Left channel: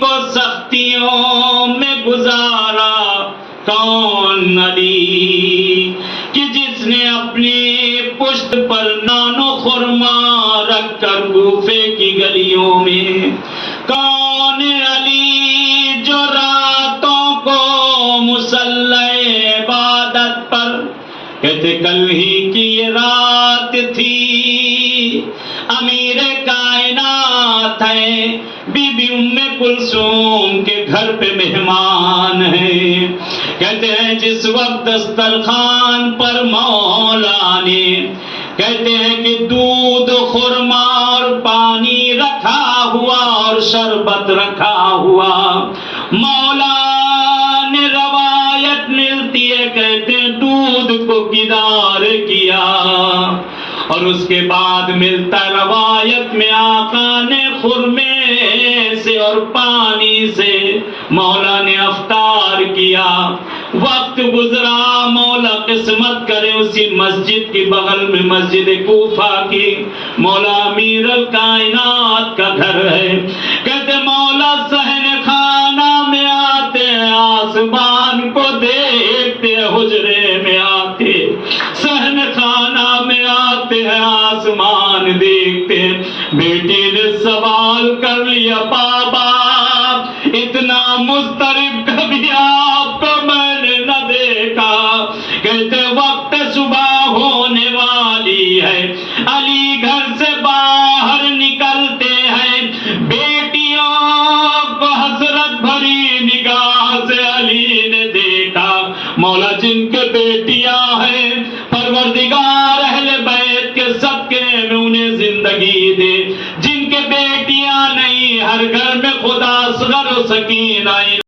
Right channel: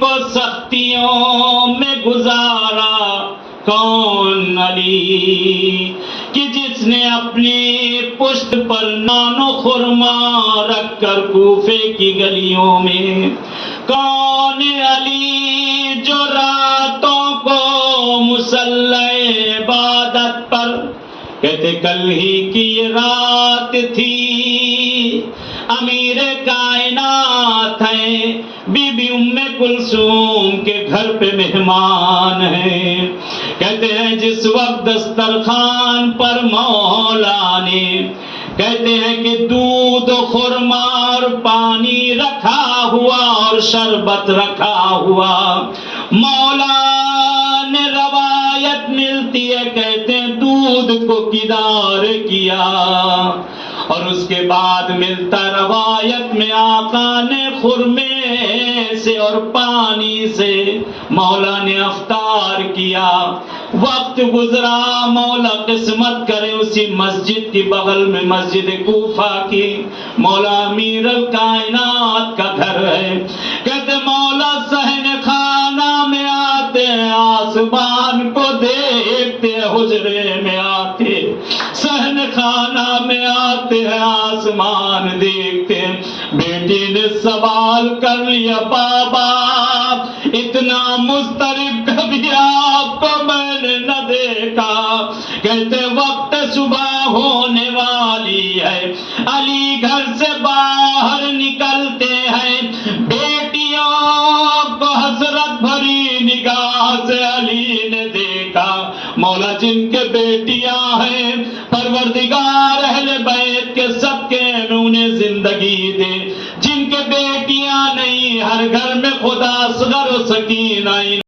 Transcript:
کو سختیوں میں گزارا کون علی کہ جس نے اپنی پشت پر نان و خرما رکھ کر کوفے کی گلیوں میں، کون علی جو راتوں کو مصلی عبادت پر، کہتے کل ہی کی یہ رات تھی، امیر کائنات ہے، بی بی ام کلثوم کے گھر پہ مہمان ہیں۔ کہتے ہیں جس وقت دسترخوان پر مولا نے، کہتے ہیں کہ دودھ خرما اور پانی رکھا ہوا اور شربت رکھا ہوا، مولا نے روایت ملتی ہے، کہتے ہیں دودھ کو کنار کیا، اور اس کے بعد ملتا روایت میں آقا نے خرمے سے اور پانی سے مولا نے افطار کیا۔ وقت گزرا، مولا قسمت کرے اسی مسجد کی بغل میں مسجد کوفہ کی مولا امیر الکائنات کا گھر ہے۔ کہتے مولا صحن خانہ میں آتے ہیں، آسمان کو دیکھتے حجرے میں آتے، صحن خانہ میں آتے ہیں، آسمان دیکھتے، بیٹی نے سوال کر لیا، بابا اتنا مضطرب کبھی آپ کو میں نے نہ دیکھا۔ کہتے وقت صبح ہونے والی ہے، علی گھر سے باہر نکلتے ہیں، بیٹیوں کو حسرت بھری نگاہ سے علی نے دیکھا۔ مولا جن کے بیٹیاں ہیں، پروردگار اہل بیت کے صدقے میں انہیں زندگی دے، جن کے بیٹیاں نہیں، ہر گھر میں خدا اصغر و سکینہ